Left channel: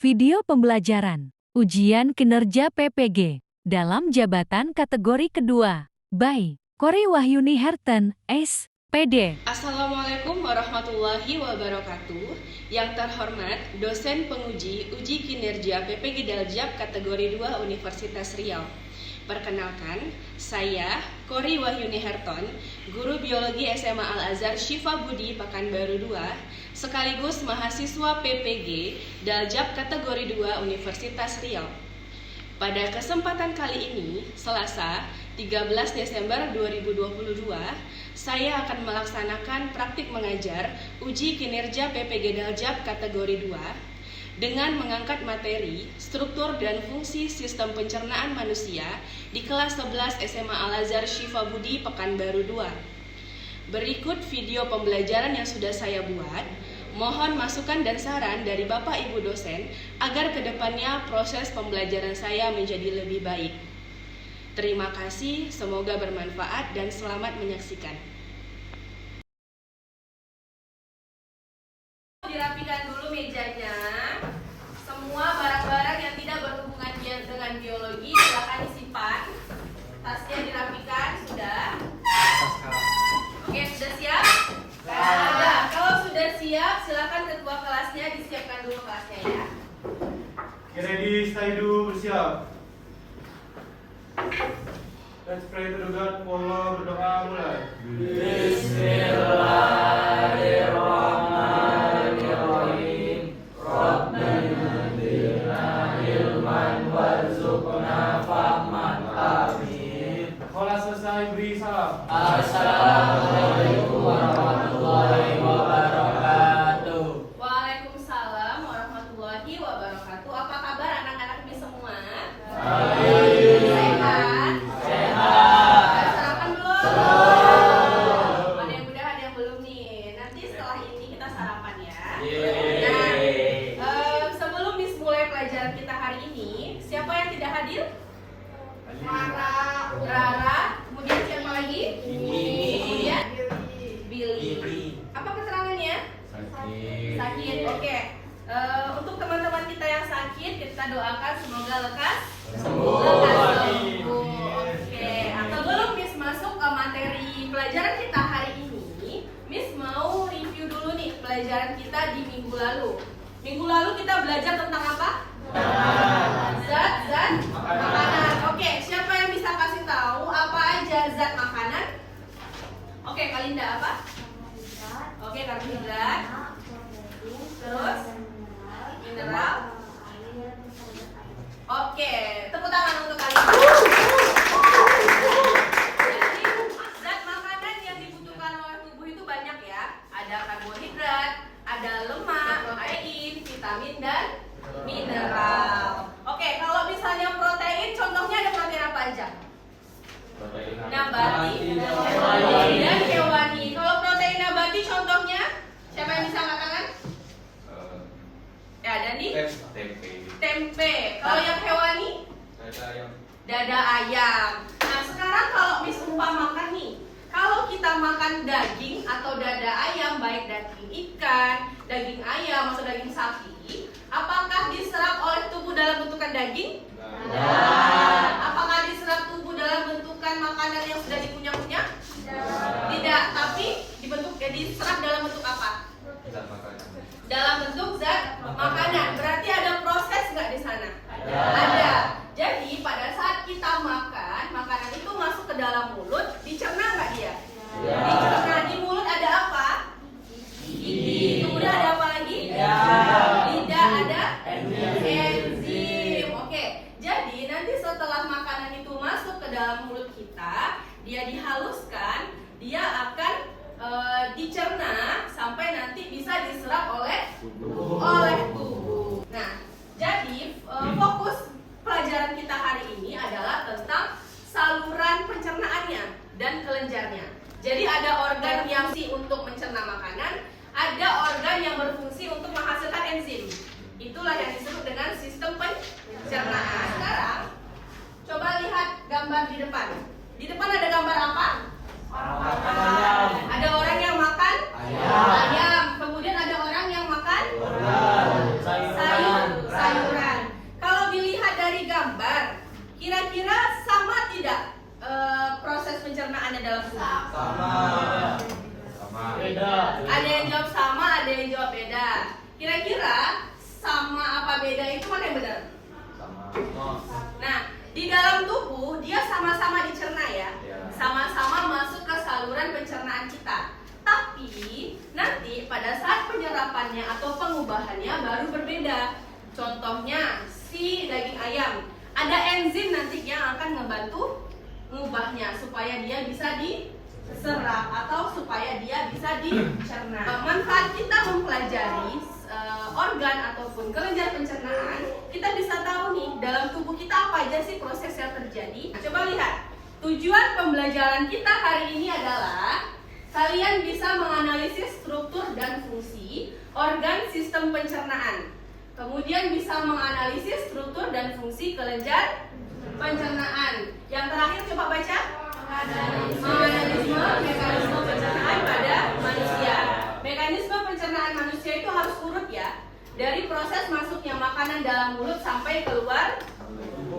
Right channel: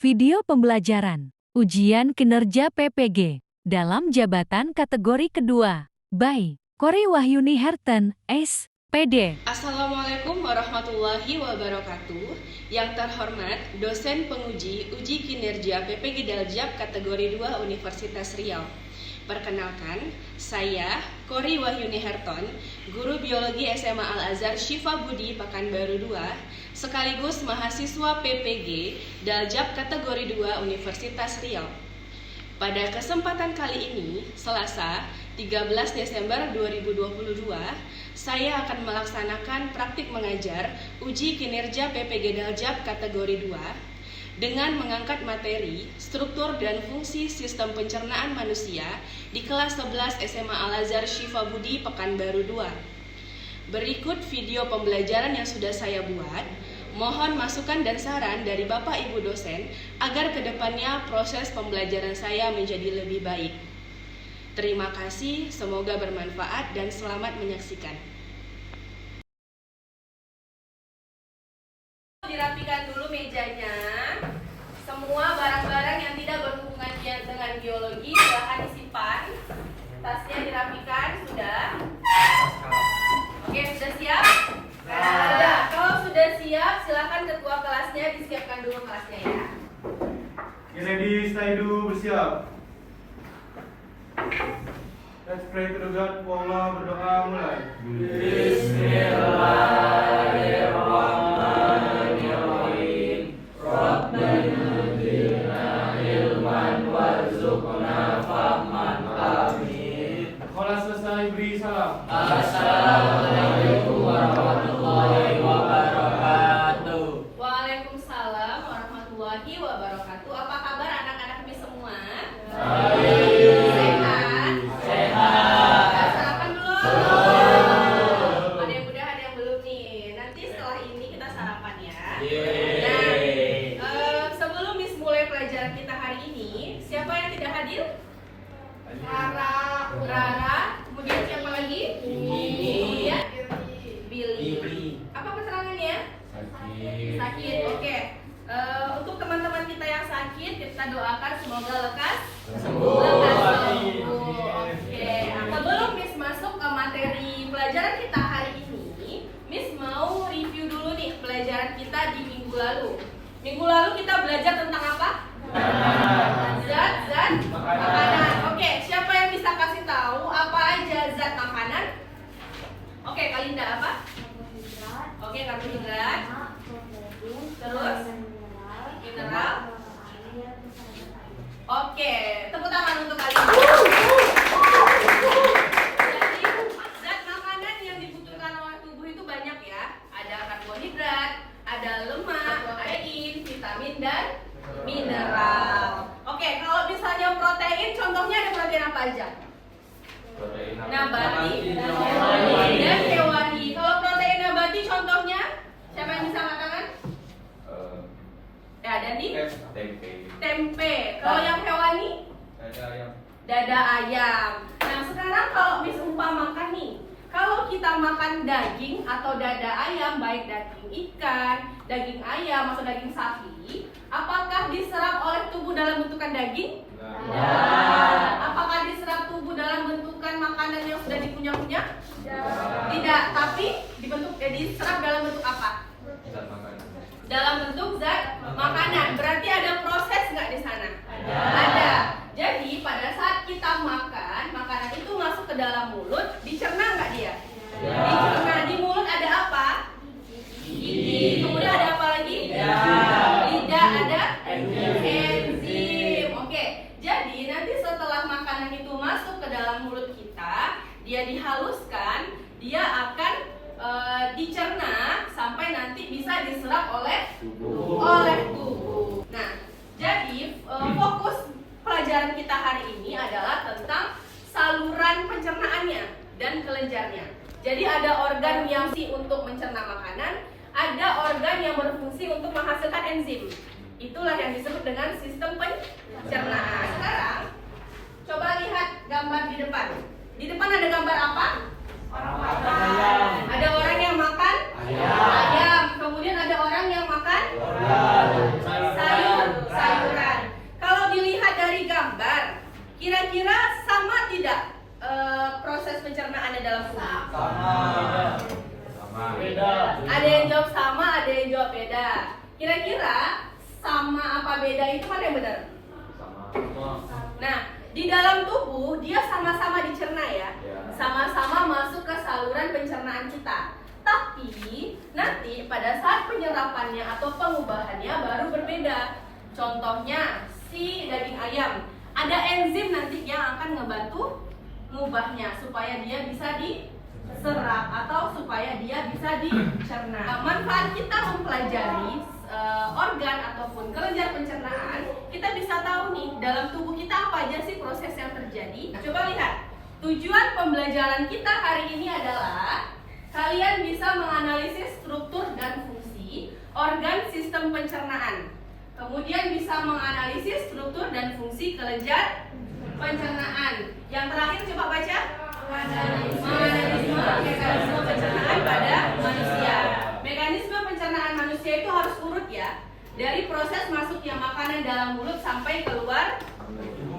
Video pembelajaran Ujian Kinerja PPG dalam jabatan kategori kedua by Kori Wahyuni Herten, SPD. Assalamualaikum warahmatullahi wabarakatuh. Yang terhormat dosen penguji uji kinerja PPG Daljab kategori 2 Universitas Riau. Perkenalkan, saya Kori Wahyuni Herton, guru biologi SMA Al-Azhar Syifa Budi Pekanbaru 2, sekaligus mahasiswa PPG Daljab kategori 2 Universitas Riau. Pada kesempatan kali ini, Selasa 13 Desember 2022, saya akan melaksanakan praktik mengajar uji kinerja PPG Daljab kategori 2 dengan mengangkat materi struktur dan fungsi sistem pencernaan manusia di kelas 11 SMA Al-Azhar Syifa Budi Pekanbaru 2. Berikut video pembelajaran yang sudah saya buat. Mohon masukan dan saran dari Bapak Ibu dosen agar kedepannya proses pembelajaran saya menjadi lebih baik. Terima kasih, semoga bermanfaat dan selamat menyaksikan. Dirapikan dulu mejanya. Semua barang-barang yang tidak berhubungan dengan biologi silakan disimpan. Tasnya dirapikan, sudah? Oke, sudah siap? Sudah. Kalau sudah siap, silakan ketua kelasnya disiapkan dulu kelasnya ya. Ready, stay dulu, bersiap. Let's pray to God, pola berdoa mulai. Bismillahirrahmanirrahim. Rabbana zidna ilman warzuqna fahman. Amin. Kalau selesai beri salam. Assalamualaikum warahmatullahi wabarakatuh. Waalaikumsalam warahmatullahi wabarakatuh. Apa kabar anak-anak ini semua? Sehat? Sarapan belum? Ada yang udah, ada yang belum nih. Nanti setelah ini kita sarapan ya. Nah, sebelum Miss mulai pelajaran kita hari ini, siapa yang tidak hadir? Rara. Kemudian siapa lagi? Kemudian Billy. Apa keterangannya? Sakit. Oke. Untuk teman-teman kita yang sakit, kita doakan semoga lekas sembuh. Oke. Sebelum Miss masuk ke materi pelajaran kita hari ini, Miss mau review dulu nih pelajaran kita di minggu lalu. Minggu lalu kita belajar tentang apa? Zat makanan. Oke, siapa yang bisa kasih tahu apa aja zat makanan? Oke, Kalinda apa? Oke, karbohidrat. Terus mineral. Oke, tepuk tangan untuk kalian. Jadi zat makanan yang dibutuhkan oleh tubuh itu banyak ya. Ada karbohidrat, ada lemak, protein, vitamin dan mineral. Oke, kalau misalnya protein, contohnya ada protein apa aja? Nabati dan hewani. Kalau protein nabati contohnya, siapa yang bisa mengatakan? Ada nih? Tempe. Kalau yang hewani? Dada ayam. Nah, sekarang kalau Miss umpamakan nih, kalau kita makan daging atau dada ayam, baik daging ikan, daging ayam atau daging sapi, apakah diserap oleh tubuh dalam bentukan daging? Apakah diserap tubuh dalam bentukan makanan yang sudah dikunyah-kunyah? Tidak, tapi diserap dalam bentuk apa? Dalam bentuk zat makanan. Berarti ada proses nggak di sana? Ada. Jadi pada saat kita makan, makanan itu masuk ke dalam mulut, dicerna nggak dia? Dicerna. Di mulut ada apa? Gigi. Kemudian ada apa lagi? Lidah. Ada enzim. Oke. Jadi nanti setelah makanan itu masuk ke dalam mulut kita, dia dihaluskan, dia akan dicerna sampai nanti bisa diserap oleh tubuh. Nah, jadi fokus pelajaran kita hari ini adalah tentang saluran pencernaannya dan kelenjarnya. Jadi ada organ yang berfungsi untuk mencerna makanan, ada organ yang berfungsi untuk menghasilkan enzim. Itulah yang disebut dengan sistem pencernaan. Sekarang coba lihat gambar di depan. Di depan ada gambar apa? Orang makan. Ada orang yang makan ayam. Kemudian ada orang yang makan sayur. beda itu mana yang benar? Sama. Nah, di dalam tubuh dia sama-sama dicerna ya. Ya. Sama-sama masuk ke saluran pencernaan kita. Tapi nanti pada saat penyerapannya atau pengubahannya baru berbeda. Contohnya si daging ayam, ada enzim nanti yang akan ngebantu ngubahnya supaya dia bisa diserap atau supaya dia bisa dicerna. Nah, manfaat kita mempelajari organ ataupun kelenjar pencernaan, kita bisa tahu nih dalam tubuh kita apa aja sih proses yang terjadi. Nah, coba lihat, tujuan pembelajaran kita hari ini adalah kalian bisa menganalisis struktur dan fungsi organ sistem pencernaan. Kemudian bisa menganalisis struktur dan fungsi kelenjar pencernaan. Yang terakhir coba baca. Menganalisis mekanisme pencernaan pada manusia. Mekanisme pencernaan manusia itu harus urut ya. Dari proses masuknya makanan dalam mulut sampai keluar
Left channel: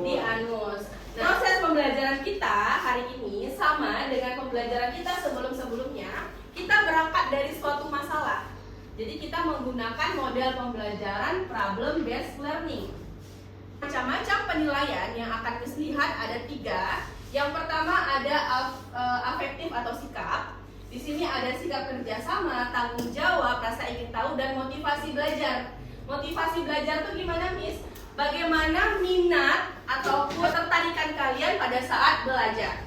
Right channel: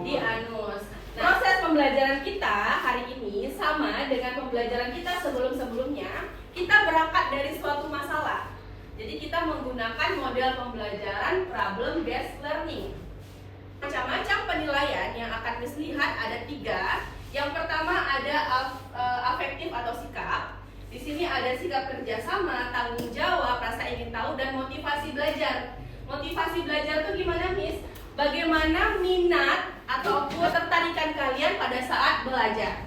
di anus. Nah, proses pembelajaran kita hari ini sama dengan pembelajaran kita sebelum-sebelumnya. Kita berangkat dari suatu masalah. Jadi kita menggunakan model pembelajaran problem based learning. Macam-macam penilaian yang akan dilihat ada 3. Yang pertama ada afektif atau sikap. Di sini ada sikap kerjasama, tanggung jawab, rasa ingin tahu, dan motivasi belajar. Motivasi belajar itu gimana, Miss? Bagaimana minat ataupun ketertarikan kalian pada saat belajar.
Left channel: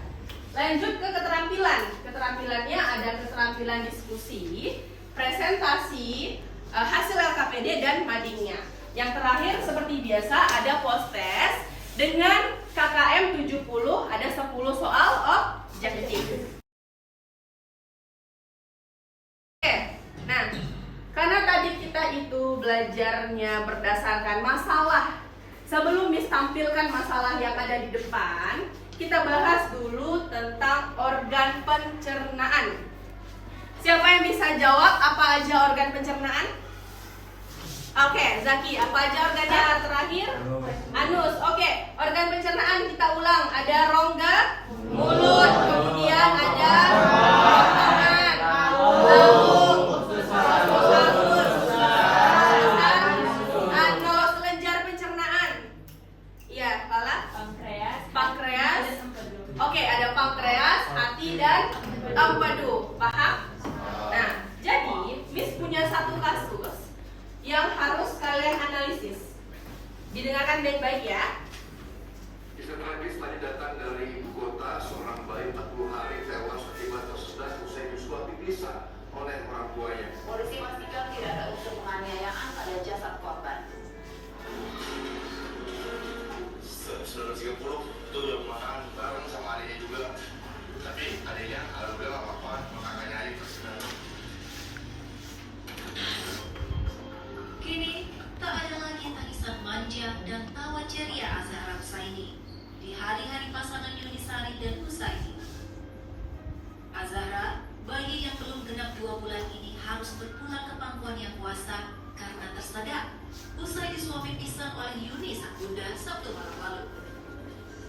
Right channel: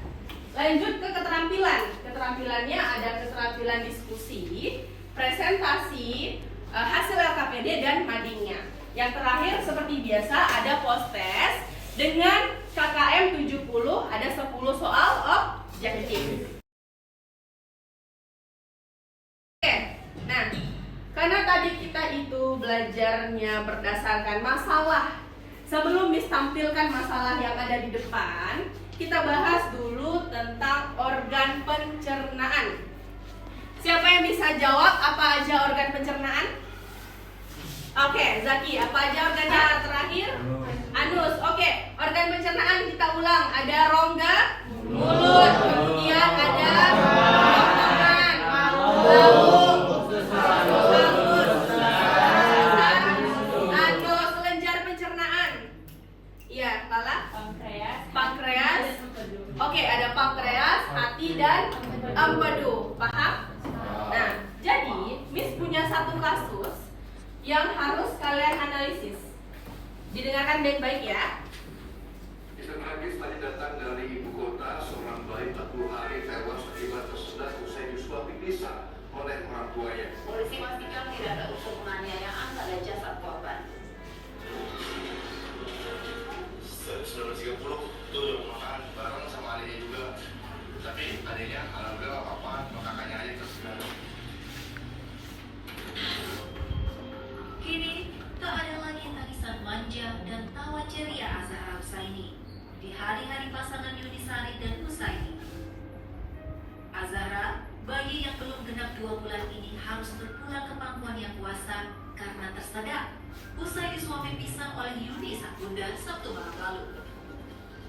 Lanjut ke keterampilan. Keterampilannya ada keterampilan diskusi, presentasi, hasil LKPD, dan madingnya. Yang terakhir seperti biasa ada post test dengan KKM 70, ada 10 soal objektif. Oke, nah karena tadi kita itu belajarnya berdasarkan masalah. Sebelum ditampilkan masalah yang ada di depan, kita bahas dulu tentang organ pencernaan. Siapa yang bisa jawab apa aja organ pencernaan? Oke, Zaki, apa aja organnya terakhir? Anus. Oke, organ pencernaan kita ulang. Ada rongga mulut, kemudian ada tangan, lambung, usus halus, anus, kelenjar pencernaan. Iya, kepala? Pankreas. Oke, ada pankreas, hati, dan empedu. Paham? Nah, jadi Miss punya satu kasus yang harus kalian analisis. Didengarkan baik-baik ya. Kisah tragis tadi datang dari ibu kota. Seorang bayi 40 hari tewas akibat tersedak usai disuapi pisah oleh orang tuanya. Polisi pastikan tidak ada unsur penganiayaan pada jasad korban. 1930 itu yang makan bareng sama adiknya juga. Tapi adiknya alhamdulillah gak apa-apa, kakaknya aja tersedak. Kini, tak ada lagi tangisan manja dan tawa ceria Azahra Husaini di hari-hari pasangan Yuni Sari dan Husaini. Azahra, bayi yang belum genap 2 bulan ini harus berpulang ke pangkuan yang puasa karena tersedak usai disuapi pisang oleh Yuni sang bunda Sabtu malam lalu.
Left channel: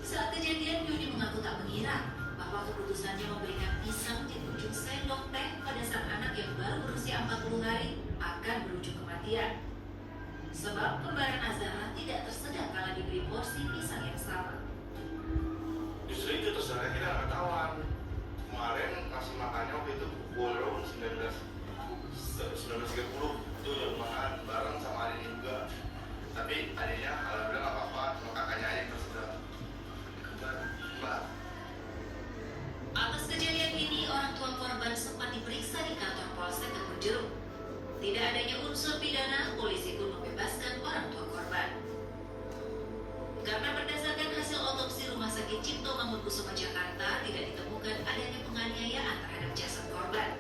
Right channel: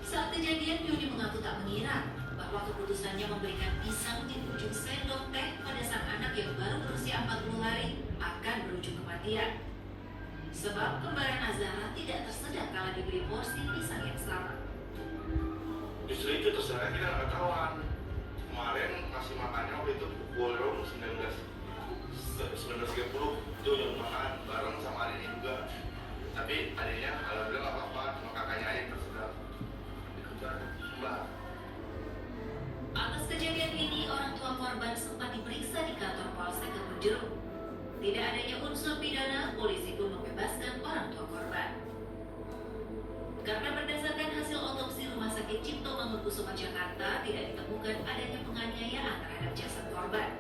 Saat kejadian, Yuni mengaku tak mengira bahwa keputusannya memberikan pisang di ujung sendok teh pada sang anak yang baru berusia 40 hari akan berujung kematian. Sebab kembaran Azahra tidak tersedak kala diberi porsi pisang yang sama. Justru itu terserah kita nggak ketahuan. Kemarin masih makannya waktu itu pukul 19.30 itu udah makan bareng sama adiknya juga. Tapi adiknya alhamdulillah nggak apa-apa, cuma kakaknya aja tersedak. Mbak. Atas kejadian ini, orang tua korban sempat diperiksa di kantor Polsek Kebonjeruk. Tidak adanya unsur pidana, polisi pun membebaskan orang tua korban. Karena berdasarkan hasil otopsi Rumah Sakit Cipto Mangunkusumo Jakarta tidak ditemukan adanya penganiayaan terhadap jasad korban.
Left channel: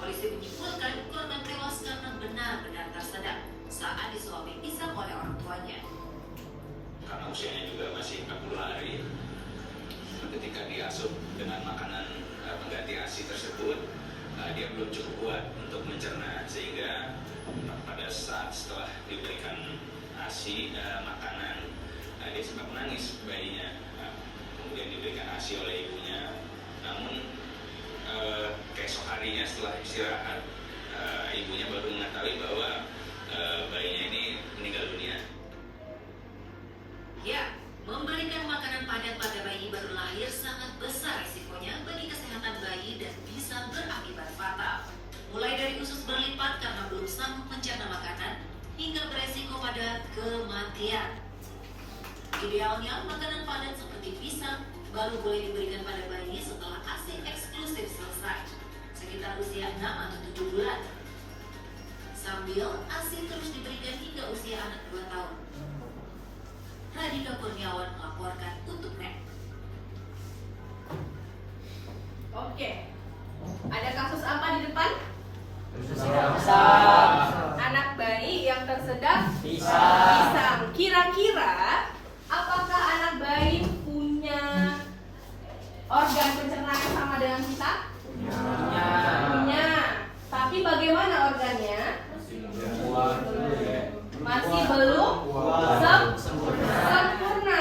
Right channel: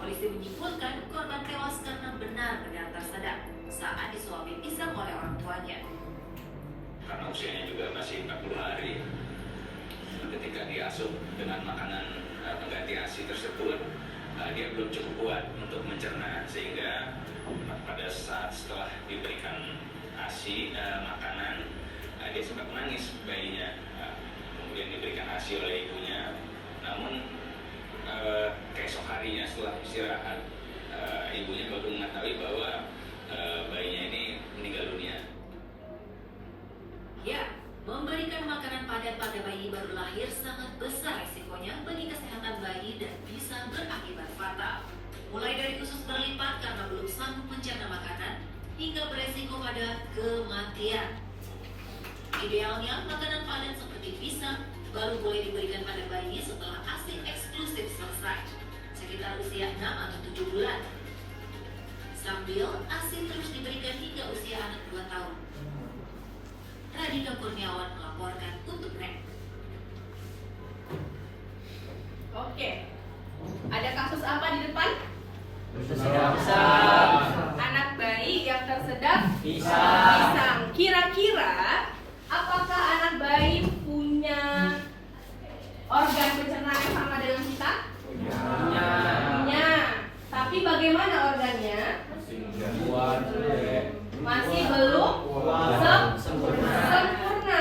Polisi menyimpulkan korban tewas karena benar-benar tersedak saat disuapi pisang oleh orang tuanya. Karena usianya juga masih 40 hari, ketika diasuh dengan makanan pengganti ASI tersebut, dia belum cukup kuat untuk mencerna, sehingga pada saat setelah diberikan ASI makanan, dia sempat menangis bayinya. Kemudian diberikan ASI oleh ibunya, namun keesok harinya setelah istirahat, ibunya baru mengetahui bahwa bayinya ini baru lahir sangat besar risikonya bagi kesehatan bayi dan bisa berakibat fatal. Mulai dari usus berlipat karena belum sanggup mencerna makanan, hingga beresiko pada kematian. Idealnya, makanan padat seperti pisang baru boleh diberikan pada bayi setelah ASI eksklusif selesai, sekitar usia 6 atau 7 bulan. Sambil ASI terus diberikan hingga usia anak 2 tahun. Radika Kurniawan melaporkan untuk NET. Oke. Ada kasus apa di depan? Anak bayi yang tersedak pisang. Kira-kira apakah anak bayi punya organ pencernaan yang sama dengan kita? Punya. Tapi bagaimana organnya? Masih belum sempurna.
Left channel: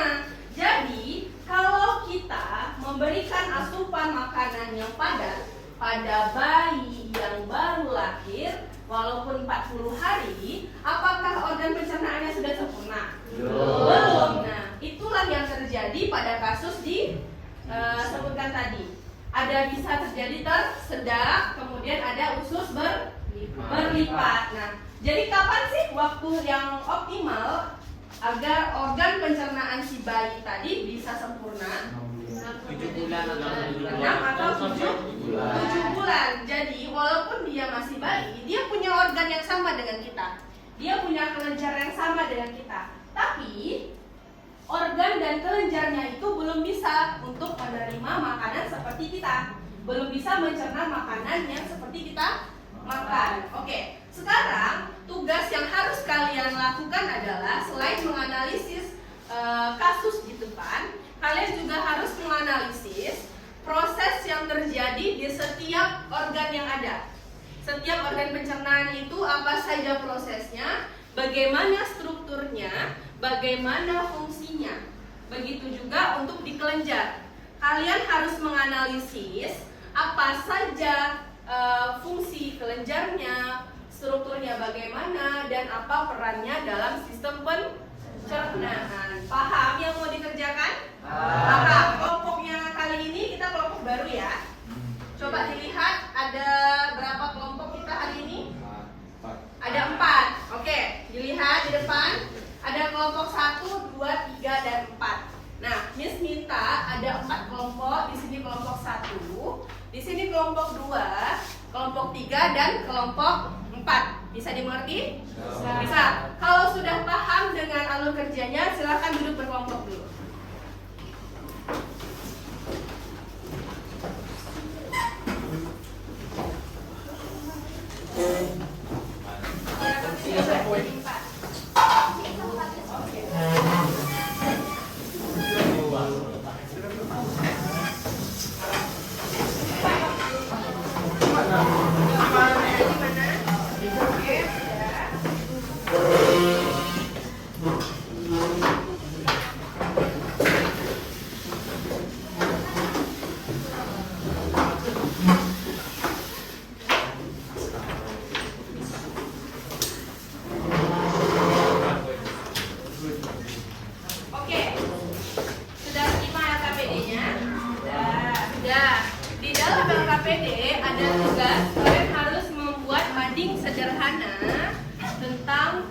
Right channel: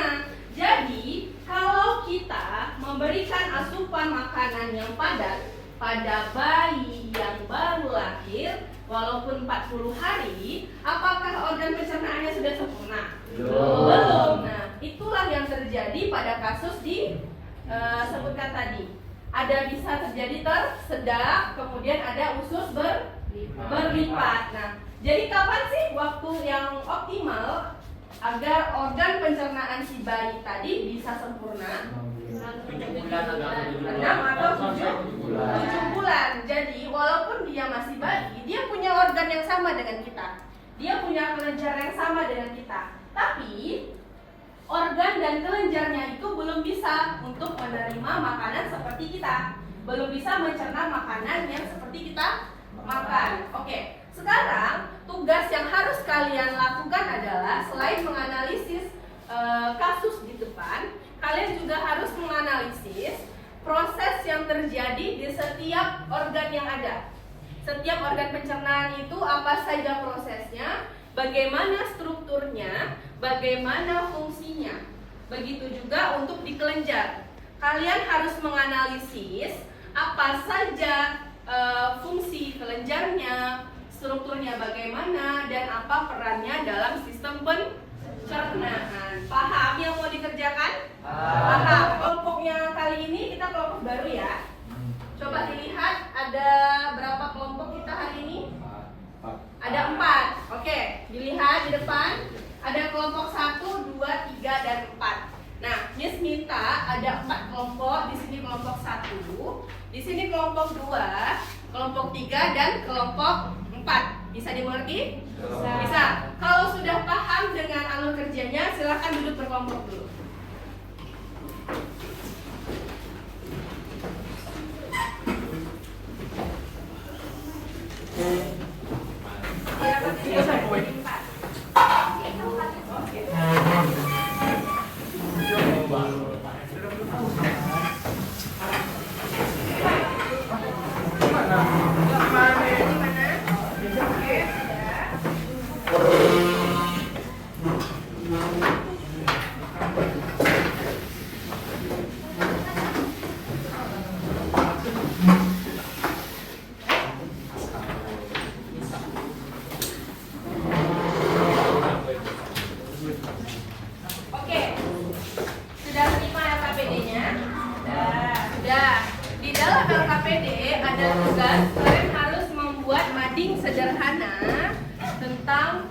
Jadi, kalau kita memberikan asupan makanan yang padat pada bayi yang baru lahir, walaupun 40 hari, apakah organ pencernaannya sudah sempurna? Belum. Nah, itulah yang terjadi pada kasus sebutkan tadi. Ada bisa terjadi tersedak, kemudian ada usus berlipat. Nah, jadi kapan sih waktu yang optimal agar organ pencernaan si bayi tadi bisa sempurna? 6 atau 7 bulan. Jadi walaupun dia masih bayi, dia punya organ yang sama dengan kita. Dia punya kelenjar yang sama dengan kita. Tapi organ dan kelenjarnya itu belum bisa untuk menerima makanan seperti kita. Belum bisa mencerna makanan yang seperti kita makan. Oke, sekarang tugas yang harus kalian lakukan adalah selain menganalisis kasus di depan, kalian juga harus menganalisis proses yang terjadi di setiap organ yang ada. Setiap organ pencernaan itu apa saja prosesnya, bagaimana strukturnya, bagaimana fungsinya. Begitu juga untuk di kelenjar. Kalian harus menganalisis apa saja fungsi kelenjarnya, strukturnya bagaimana, dan apa perannya dalam sistem pencernaan. Paham yang mau dikerjakan? Paham. Kelompoknya kali ini kita kelompok baru ya. Coba dilihat ada berapa kelompok kita hari ini? Ada 4. Oke, dilihat di depan. Ada kelompok 1, 2, 3, dan 4. Nah, Miss minta ada 4 kelompok. Di sini kelompok 1, di sini kelompok 2, kelompok 3, dan kelompok 4. Bisa dimengerti? Bisa. Kalau sudah paham dengan alur kerjanya, silakan duduk berkelompok dulu. Sederhana tentang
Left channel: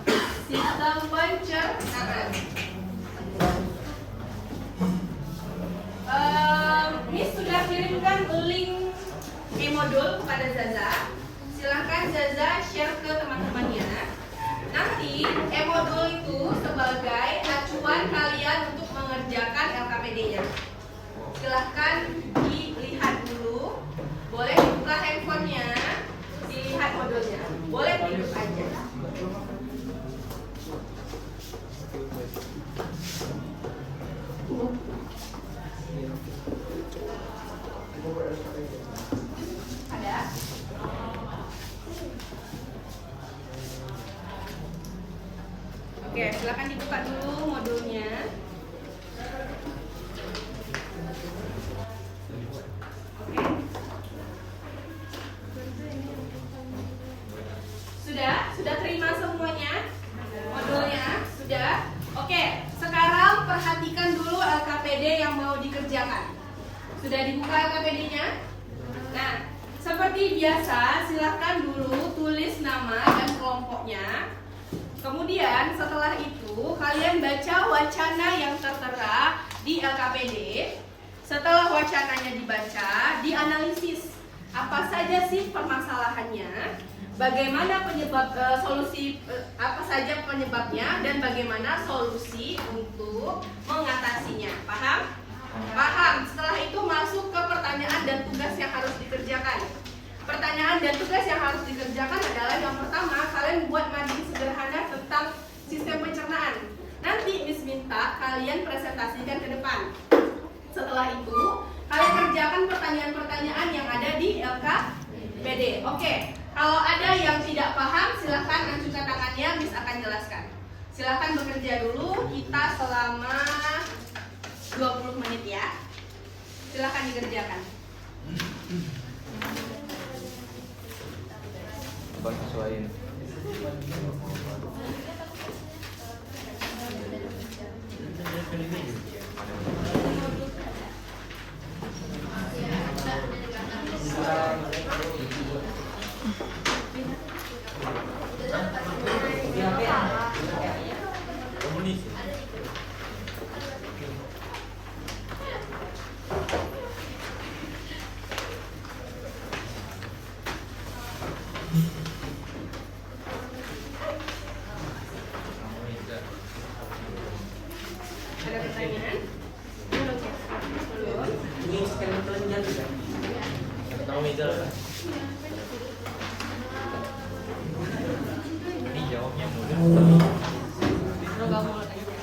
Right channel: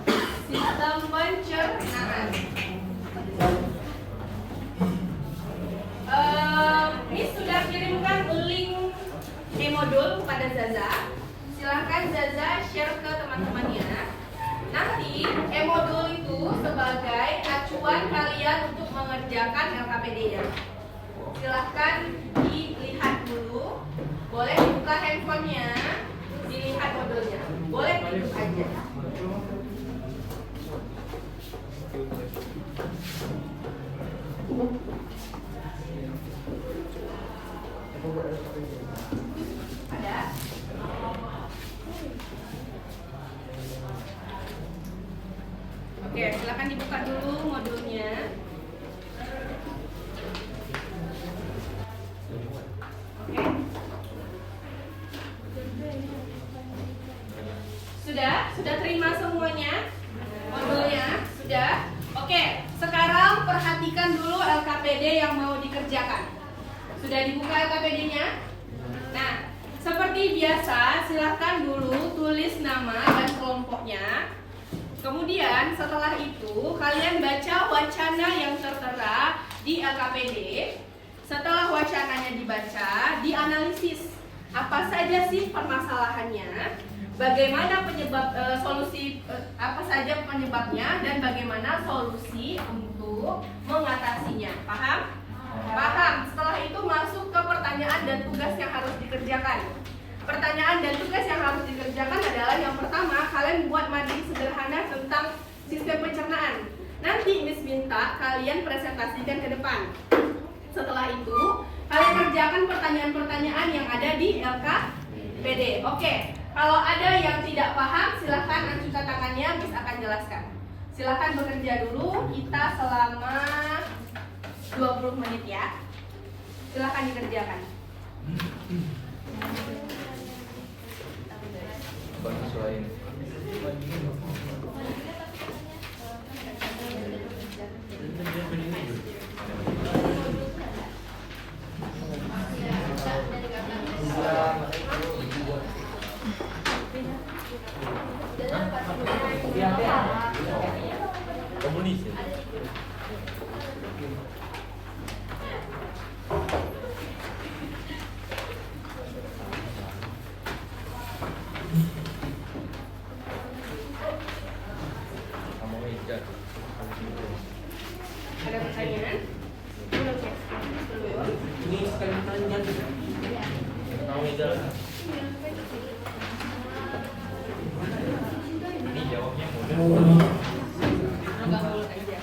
sistem pencernaan. Miss sudah kirimkan link e-modul kepada Zaza. Silahkan Zaza share ke teman-temannya. Nanti e-modul itu sebagai acuan kalian untuk mengerjakan LKPD-nya. Silahkan dilihat dulu. Boleh buka handphonenya, dilihat modulnya. Boleh hidup aja. Ada? Oke, silakan dibuka dulu modulnya. Sudah terima semuanya? Modulnya? Sudah? Oke, sekarang perhatikan dulu LKPD yang mau dikerjakan. dikerjakan. Sudah dibuka LKPD-nya? Nah, seperti biasa, silahkan dulu tulis nama dan kelompoknya. Kemudian setelah itu kalian baca wacana yang tertera di LKPD. Setelah wacananya dibaca, dianalisis apa saja sih permasalahannya, bagaimana penyebab apa saja penyebabnya, dan bagaimana solusi untuk mengatasinya. Paham? Paham. Setelah itu masuk ke pertanyaan dan tugas yang harus dikerjakan. Pertanyaan dan tugas yang harus dikerjakan adalah yang pertama, kalian buat mading sederhana tentang sistem pencernaan. Nanti Miss minta kalian presentasikan ke depan. Setelah itu, kalian kerjakan pertanyaan-pertanyaan yang ada di LKPD. Oke, kalau ada yang tidak paham, silahkan angkat tangannya, Miss akan jelaskan. Silahkan bekerja dulu, kita selama 20 menit ya. Silahkan dikerjakan. Ada pertanyaan? Ini sekali pertanyaan bisa. Tahu meja. Ini jawabnya mudah. Enggak boleh aja.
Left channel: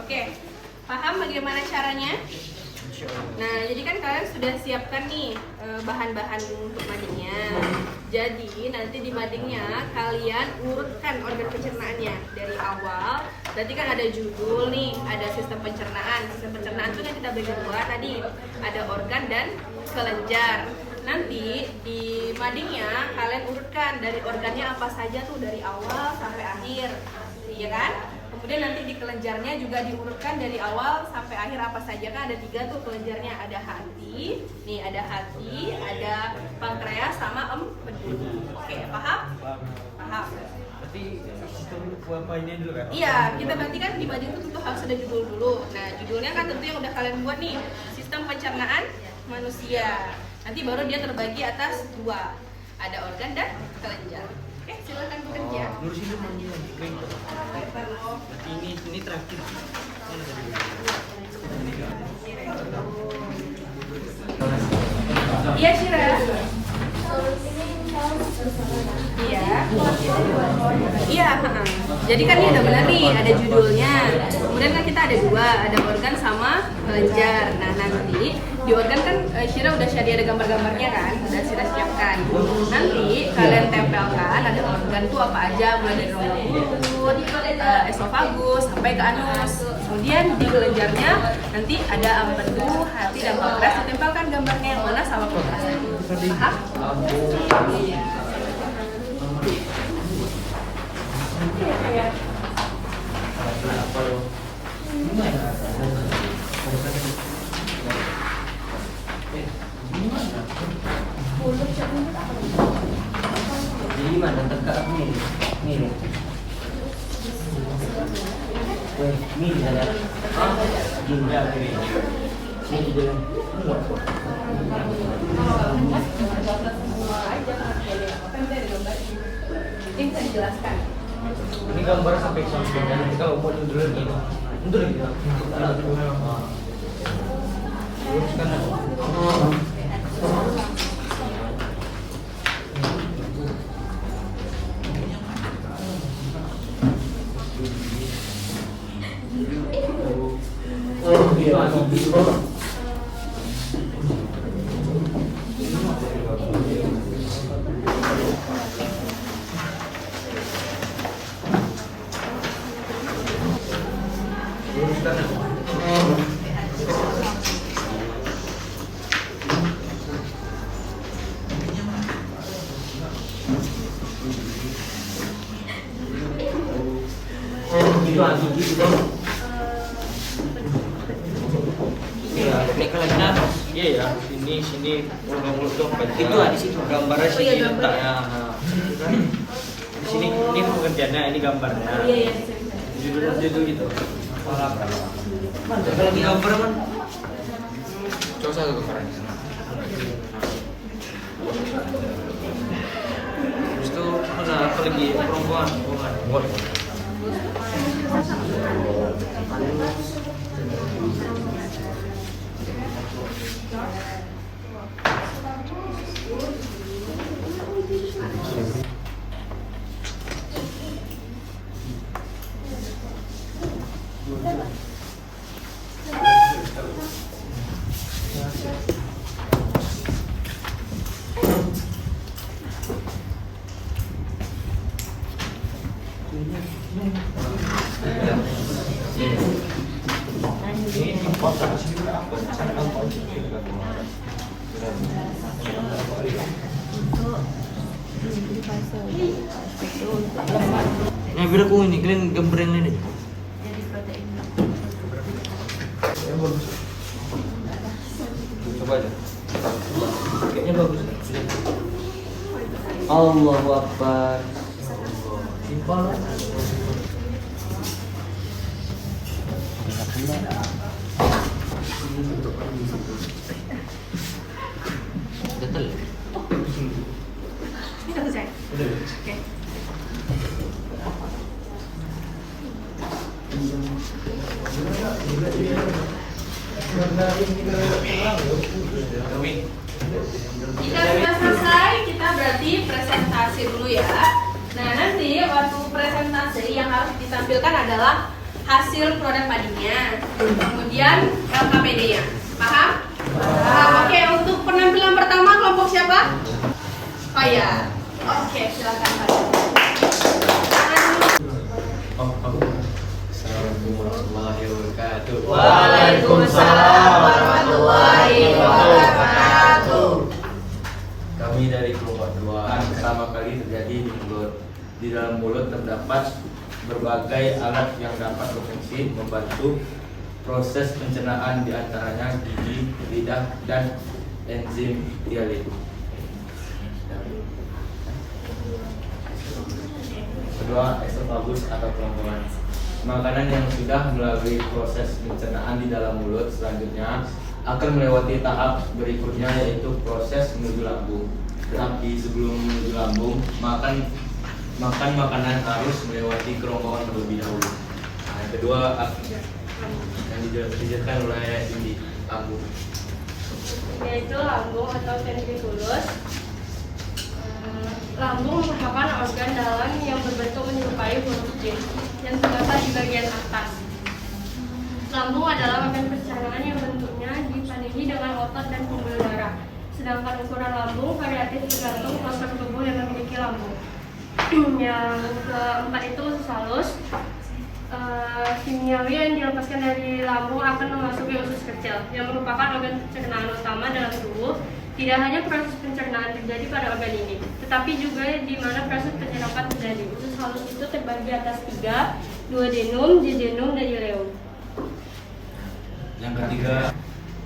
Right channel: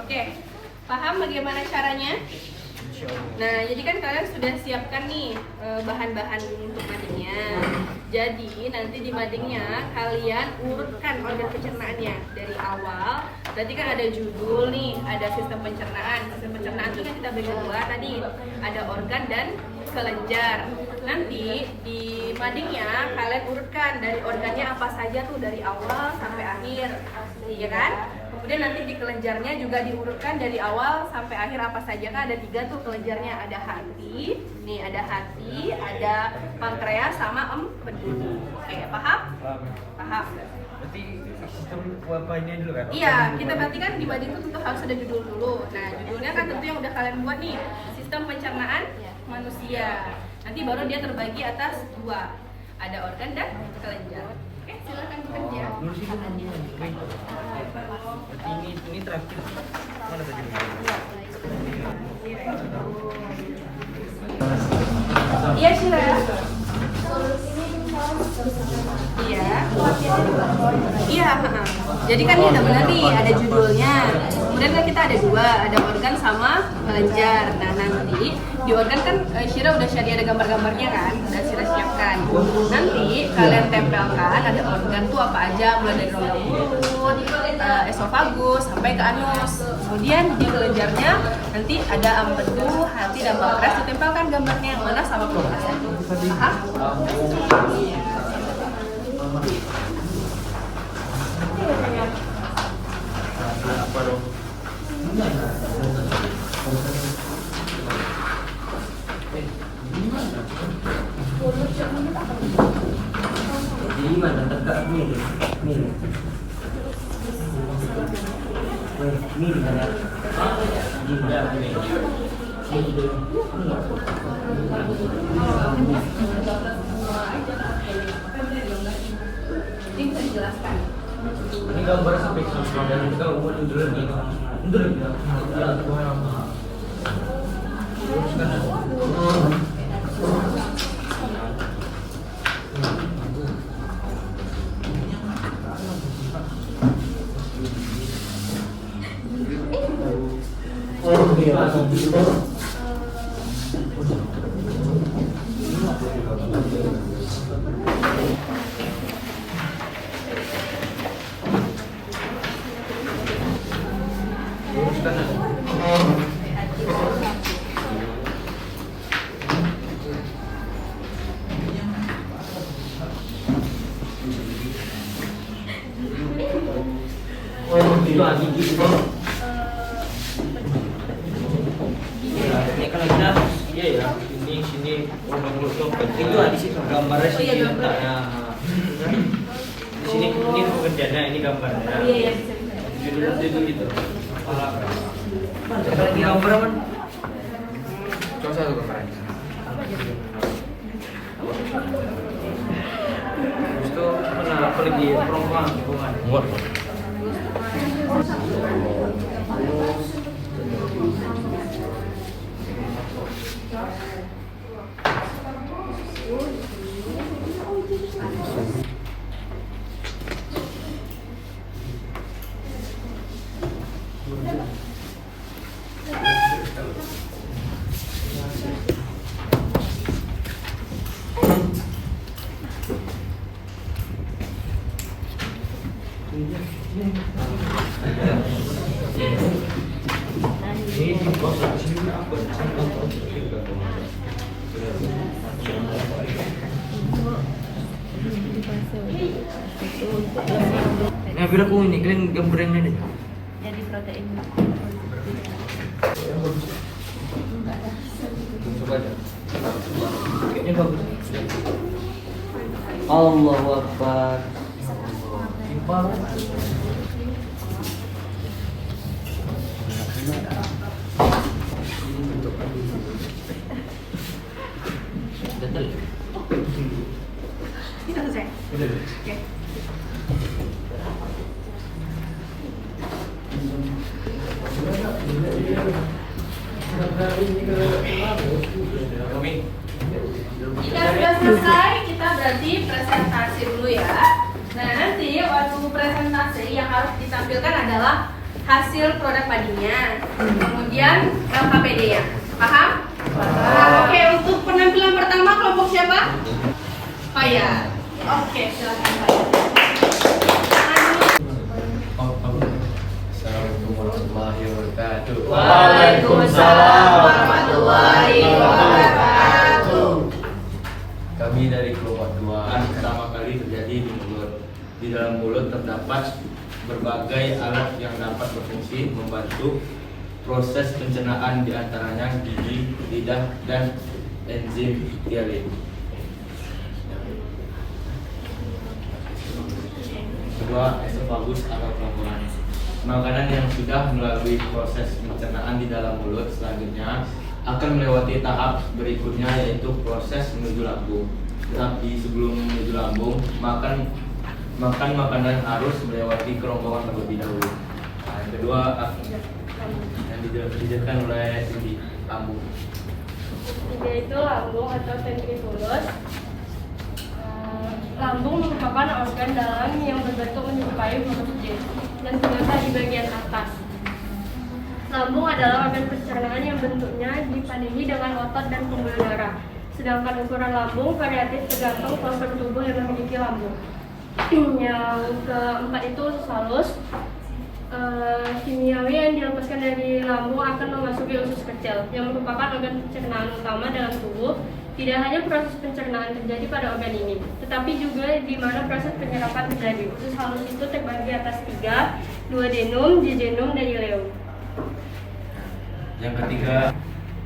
Oke, paham bagaimana caranya? Nah, jadi kan kalian sudah siapkan nih bahan-bahan untuk madingnya. Jadi nanti di madingnya kalian urutkan organ pencernaannya dari awal. Berarti kan ada judul nih, ada sistem pencernaan. Sistem pencernaan itu kan kita bagi dua tadi, ada organ dan kelenjar. Nanti di madingnya kalian urutkan dari organnya apa saja tuh dari awal sampai akhir, iya kan? Kemudian nanti di kelenjarnya juga diurutkan dari awal sampai akhir apa saja, kan ada 3 tuh kelenjarnya, ada hati, nih ada hati, ada pankreas sama empedu. Oke, paham? Paham. Berarti sistem wabahnya dulu kan? Iya, kita berarti kan di mading itu tentu harus ada judul dulu. Nah, judulnya kan tentu yang udah kalian buat nih, sistem pencernaan manusia. Nanti baru dia terbagi atas 2, ada organ dan kelenjar. Oke, silakan bekerja. Lurusin dulu mandinya. Berarti ini terakhir. Mana tadi begini? Iya, Syira. Iya. Iya, jadi kan ini udah benar nih, ada judulnya. Kemudian kan kita ada 2, ada organ sama kelenjar. Nah, nanti di organ kan Syira udah ada gambar-gambarnya kan, udah Syira siapkan. Nanti kalian tempelkan ada organ tuh apa aja, mulai dari rongga mulut, esofagus sampai ke anus. Kemudian di kelenjarnya nanti ada empedu, hati dan pankreas, ditempelkan gambarnya yang mana sama perluasan. Paham? Jadi mana tegak ni? Ni. Ni ada. Di mana ni? Ni dia. Ini bisa dijelaskan. Ini gambar sampai dan kita umur dulu ni. Dulu. Itu adik gitu bang. Iya, ini kelasnya iya ya. Sini mulut dompet. Itu di situ. Gambarnya sini letaknya. Di sini ini pekerjaannya, ini gambarnya. Iya iya. Judul gitu. Ada lagi gambar man. Coba satu gambaran. Terus itu mana apa lagi perempuan. Ini beda ku ini kalian gambarnya deh. Jadi protein. Coba aja. Kayaknya bagus. Allahu Akbar. Simpel. Betul. Ini selesai. Oke. Jika sudah selesai, kita berarti presentasi dulu ya. Nah nanti waktu presentasi yang harus ditampilkan adalah hasil produk madinya, kemudian LKPD-nya. Paham? Paham. Oke, untuk penampilan pertama kelompok siapa? Oh ya. Oke, silakan Pak. Assalamualaikum warahmatullahi wabarakatuh. Waalaikumsalam warahmatullahi wabarakatuh. Kami dari kelompok 2 pertama kali terjadi di mulut. Di dalam mulut terdapat berbagai alat yang dapat berfungsi membantu proses pencernaan, diantaranya gigi, lidah, dan enzim dialit. Kedua, esofagus atau kerongkongan. Makanan yang sudah melalui proses pencernaan di dalam mulut selanjutnya akan melewati tahap berikutnya, yaitu proses menuju lambung. Tetapi sebelum menuju lambung, makan makanan harus melewati kerongkongan terlebih dahulu. Nah, yang kedua yang dijelaskan oleh Cindy, lambung. Yaitu lambung atau ventriculus. Lambung merupakan organ dalam yang berbentuk menyerupai huruf J yang terletak di bagian atas. Lambung adalah organ pencernaan yang bentuknya dipadangi dengan otot dan pembuluh darah. Sedangkan ukuran lambung variatif tergantung postur tubuh yang memiliki lambung. Yang keempat itu usus halus. Kimiawi yang dilepaskan dari lambung akan memasuki usus kecil yang merupakan organ pencernaan utama dalam tubuh. Tidak hanya proses pencernaan terjadi pada organ ini, tetapi juga di mana proses penyerapan terjadi. Usus halus itu terbagi atas 3, duodenum, jejunum, dan ileum. Yang ketiga,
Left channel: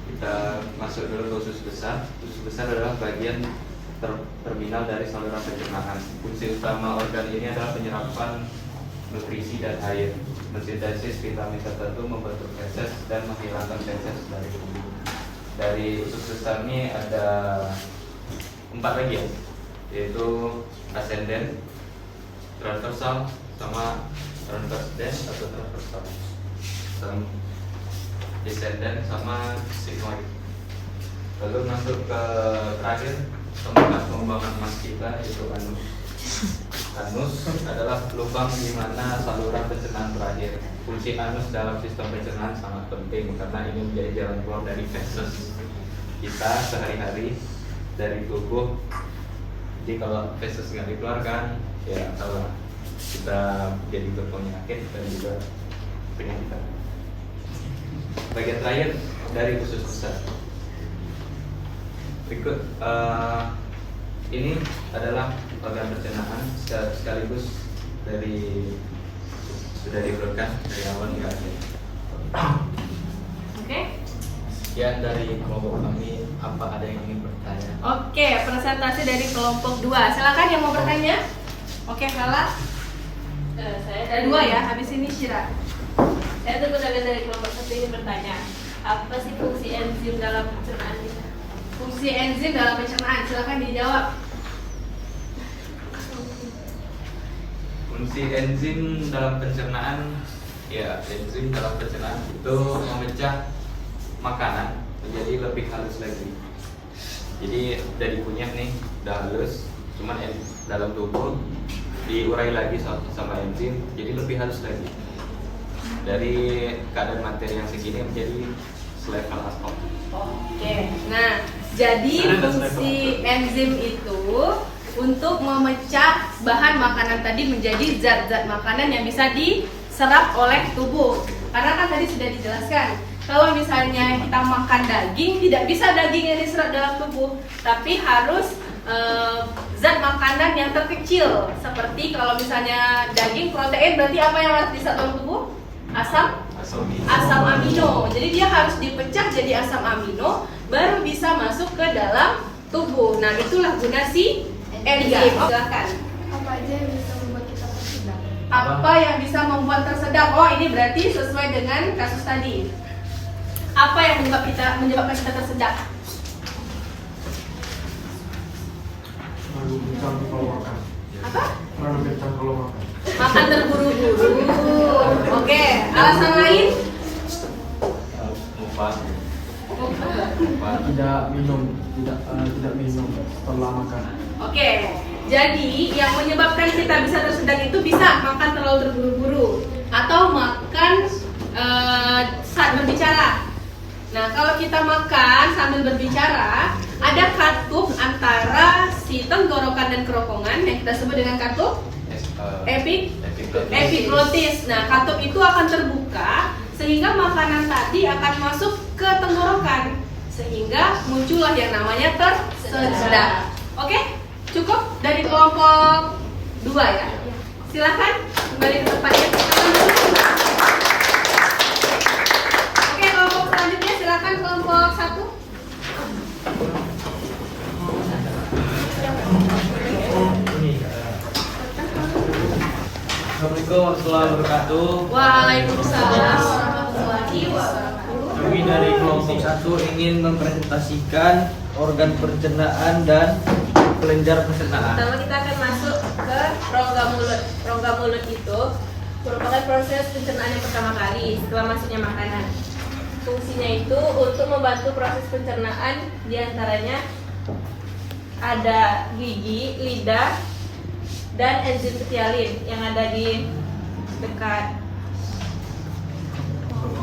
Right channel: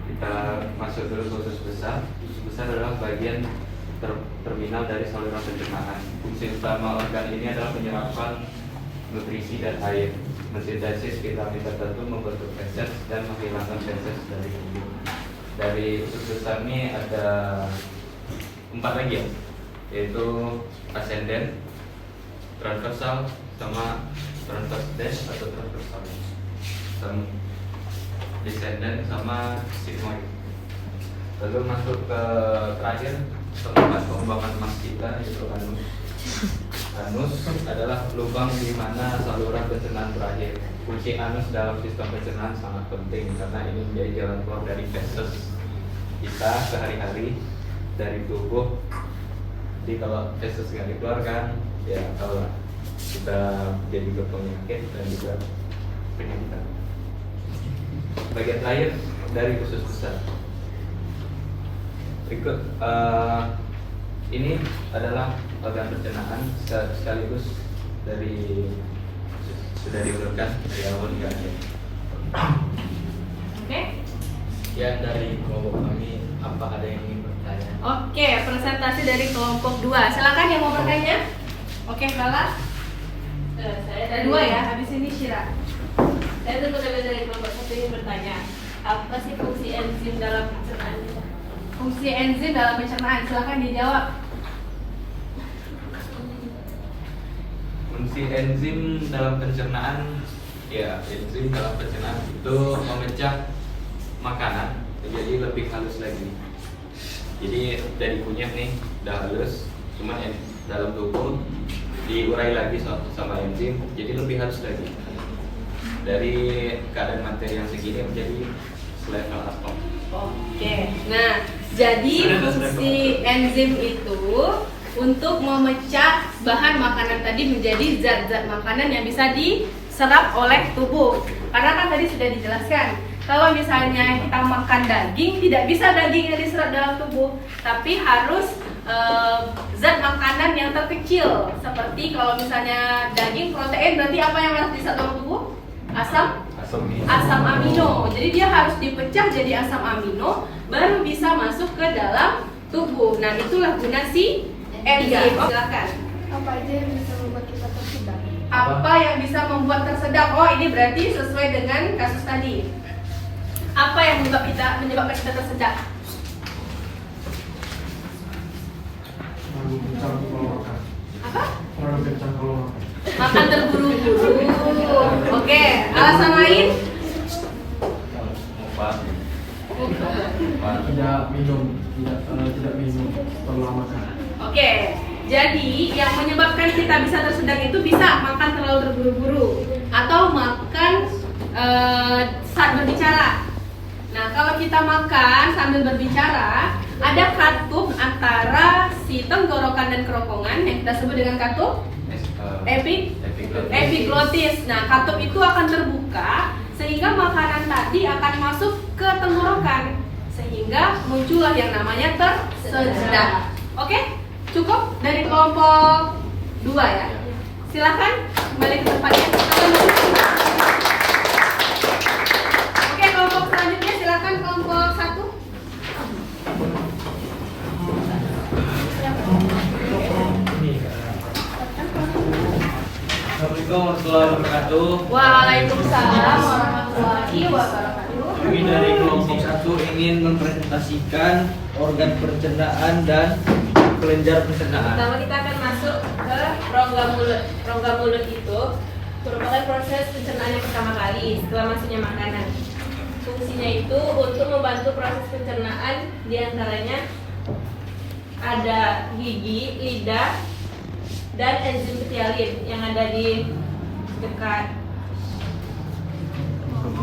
kita masuk dulu ke usus besar. Usus besar adalah bagian terminal dari saluran pencernaan. Fungsi utama organ ini adalah penyerapan nutrisi dan air, mensintesis vitamin tertentu, membentuk feses, dan menghilangkan feses dari tubuh. Dari usus besar ini ada 4 lagi, yaitu ascendent, transversal, sama transverse atau transversal, sama descendant, sama sigmoid. Lalu masuk ke terakhir, tempat pembuangan emas kita, yaitu anus. Anus adalah lubang di mana saluran pencernaan berakhir. Fungsi anus dalam sistem pencernaan sangat penting karena ini menjadi jalan keluar dari feses kita sehari-hari dari tubuh. Jadi kalau feses nggak dikeluarkan, ya kalau kita jadi berpenyakit dan juga penyakit. Bagian terakhir dari usus besar. Berikut ini adalah organ pencernaan sekaligus dari sudah diurutkan dari awal hingga akhir. Oke. Ya, dari kelompok kami apa ada yang ingin bertanya? Oke, presentasi dari kelompok 2. Silakan yang mau bertanya. Oke, Lala. Saya Ada 2 ya, habis ini Syira. Saya dari kelompok 1 ingin bertanya, apa sih fungsi enzim dalam pencernaan kita? Fungsi enzim dalam pencernaan, silakan dijawab. Fungsi enzim dalam pencernaan, ya enzim dalam pencernaan itu memecah makanan menjadi lebih halus lagi. Jadi dari kunyit nih udah halus, cuman dalam tubuh diurai lagi sama enzim jadi lebih halus lagi. Dari keadaan materi yang segini menjadi selevel atom. Oke, nah jadi fungsi enzim itu untuk memecah bahan makanan tadi menjadi zat-zat makanan yang bisa diserap oleh tubuh. Karena kan tadi sudah dijelaskan, kalau misalnya kita makan daging, tidak bisa daging yang diserap dalam tubuh, tapi harus zat makanan yang terkecil. Seperti kalau misalnya daging protein, berarti apa yang harus diserap dalam tubuh? Asam amino. Jadi dia harus dipecah jadi asam amino baru bisa masuk ke dalam tubuh. Nah, itulah guna si enzim. Silakan. Apa aja yang bisa membuat kita tersedak? Apa yang bisa membuat tersedak? Oh, ini berarti sesuai dengan kasus tadi. Apa yang menyebabkan kita tersedak? Terlalu kencang kalau makan. Apa? Terlalu kencang kalau makan. Makan terburu-buru. Oke, alasan lain? Tidak minum setelah makan. Oke, jadi yang menyebabkan kita bisa tersedak itu bisa makan terlalu terburu-buru atau makan saat berbicara. Nah, kalau kita makan sambil berbicara, ada katup antara si tenggorokan dan kerongkongan yang kita sebut dengan katup epiglotis. Nah, katup itu akan terbuka sehingga makanan tadi akan masuk ke tenggorokan sehingga muncullah yang namanya tersedak. Oke? Cukup dari kelompok 2 ya. Silakan kembali ke tempatnya. Oke, kelompok selanjutnya silakan kelompok 1. Assalamualaikum warahmatullahi wabarakatuh. Waalaikumsalam warahmatullahi wabarakatuh. Kami dari kelompok 1 ingin mempresentasikan organ pencernaan dan kelenjar pencernaan. Pertama kita akan masuk ke rongga mulut. Rongga mulut itu merupakan proses pencernaan yang pertama kali setelah masuknya makanan. Fungsinya itu untuk membantu proses pencernaan, diantaranya ada gigi, lidah, dan enzim petialin yang ada di dekat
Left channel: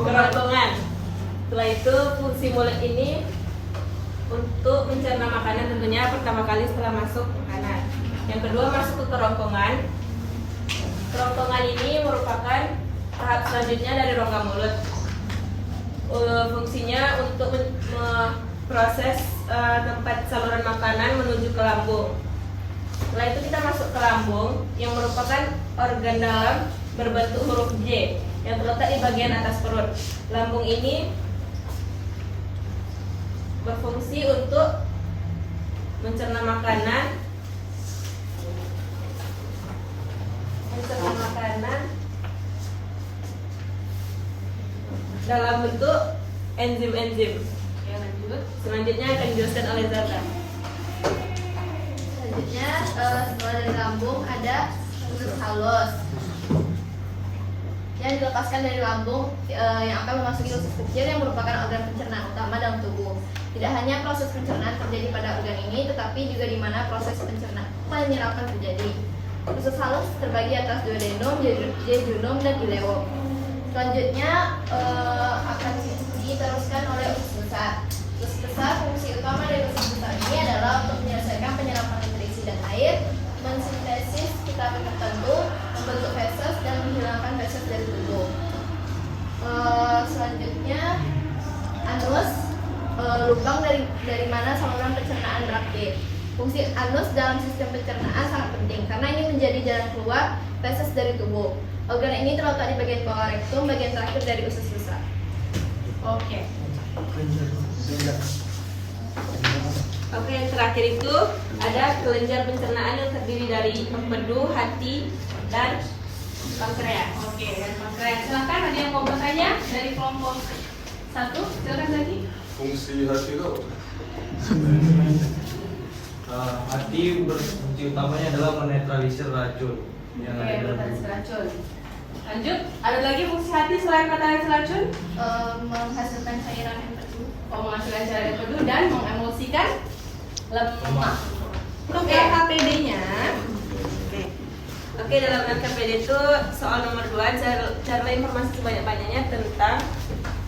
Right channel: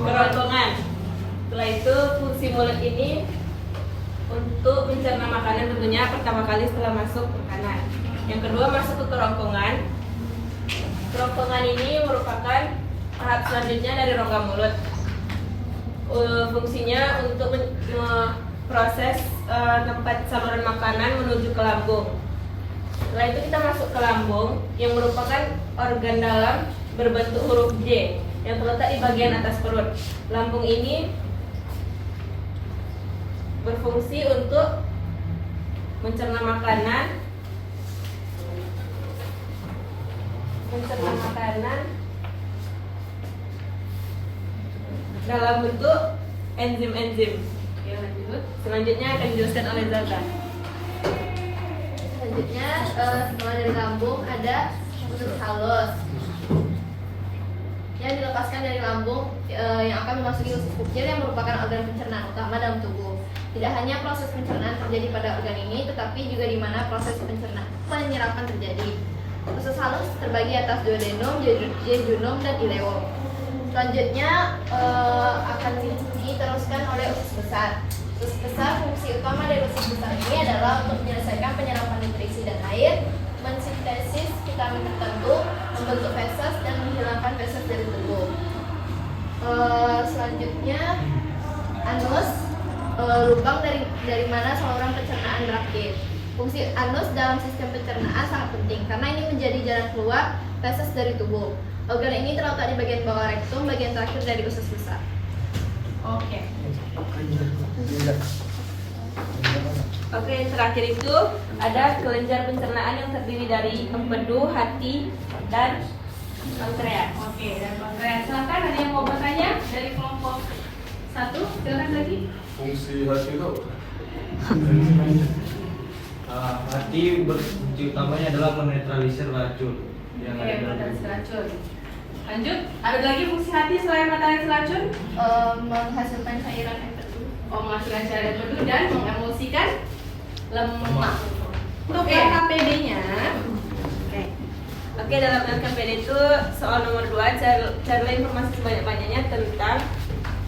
kerongkongan. Setelah itu fungsi mulut ini untuk mencerna makanan tentunya pertama kali setelah masuk makanan. Yang kedua masuk ke kerongkongan. Kerongkongan ini merupakan tahap selanjutnya dari rongga mulut. Fungsinya untuk proses tempat saluran makanan menuju ke lambung. Setelah itu kita masuk ke lambung yang merupakan organ dalam berbentuk huruf J yang terletak di bagian atas perut. Lambung ini berfungsi untuk mencerna makanan dalam bentuk enzim-enzim. Selanjutnya akan dijelaskan oleh Zata. Selanjutnya setelah dari lambung ada usus halus yang dilepaskan dari lambung yang akan memasuki usus kecil yang merupakan organ pencernaan utama dalam tubuh. Tidak hanya proses pencernaan terjadi pada organ ini, tetapi juga di mana proses penyerapan terjadi. Usus halus terbagi atas duodenum, jejunum, dan ileum. Selanjutnya akan diteruskan oleh usus besar. Usus besar, fungsi utama dari usus besar ini adalah untuk menyelesaikan penyerapan nutrisi dan air, mensintesis vitamin tertentu, membentuk feses, dan menghilangkan feses dari tubuh. Selanjutnya anus, lubang dari mana saluran pencernaan berakhir. Fungsi anus dalam sistem pencernaan sangat penting karena ini menjadi jalan keluar feses dari tubuh. Organ ini terletak di bagian bawah rektum, bagian terakhir dari usus besar. Oke. Oke, yang terakhir itu ada kelenjar pencernaan yang terdiri dari empedu, hati, dan pankreas. Oke, dan pankreas. Silakan ada yang mau bertanya dari kelompok 1? Silakan lagi. Fungsi hati itu Hati berfungsi utamanya adalah menetralisir racun yang ada Oke, dalam mata tubuh. racun. Lanjut, ada lagi fungsi hati selain mata racun? Menghasilkan cairan empedu. Menghasilkan cairan empedu dan mengemulsikan lemak. Lemak. Untuk LKPD-nya, Oke, dalam LKPD itu soal nomor 2, carilah informasi sebanyak-banyaknya tentang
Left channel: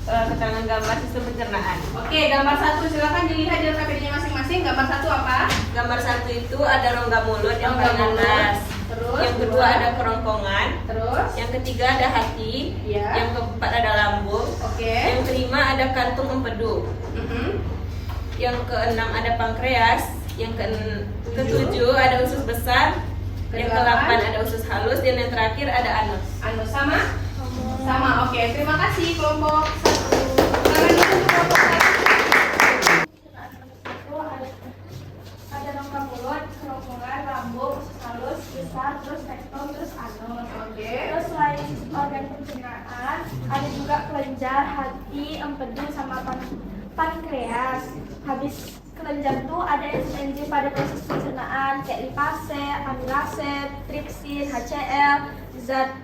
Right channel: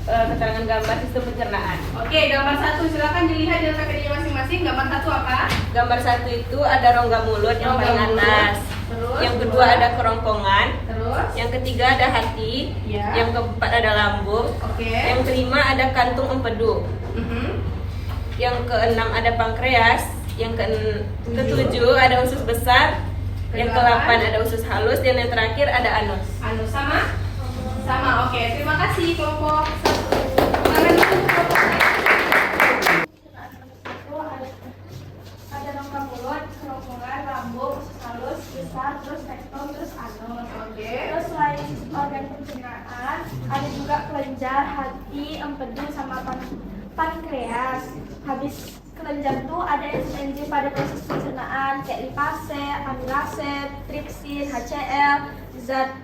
keterangan gambar sistem pencernaan. oke, gambar 1 silakan dilihat di LKPD-nya masing-masing. Gambar 1 apa? Gambar 1 itu ada rongga mulut yang Rongga paling mulut. atas. Terus? Yang kedua ada kerongkongan. Terus? Yang ketiga ada hati. Iya. Yang keempat ada lambung. Oke. Yang kelima ada kantung empedu. Yang keenam ada pankreas. Yang ketujuh ada usus besar. Yang ke-8 ada usus halus dan yang terakhir ada anus. Anus sama? Sama, oke. Terima kasih kelompok 1. Ada rongga mulut, kerongkongan, lambung, usus halus, besar, terus rektum, terus anus. Oke. Terus selain organ pencernaan, ada juga kelenjar, hati, empedu, sama pankreas. Habis kelenjar tuh ada enzim pada proses pencernaan kayak lipase, amilase, tripsin, HCl, zat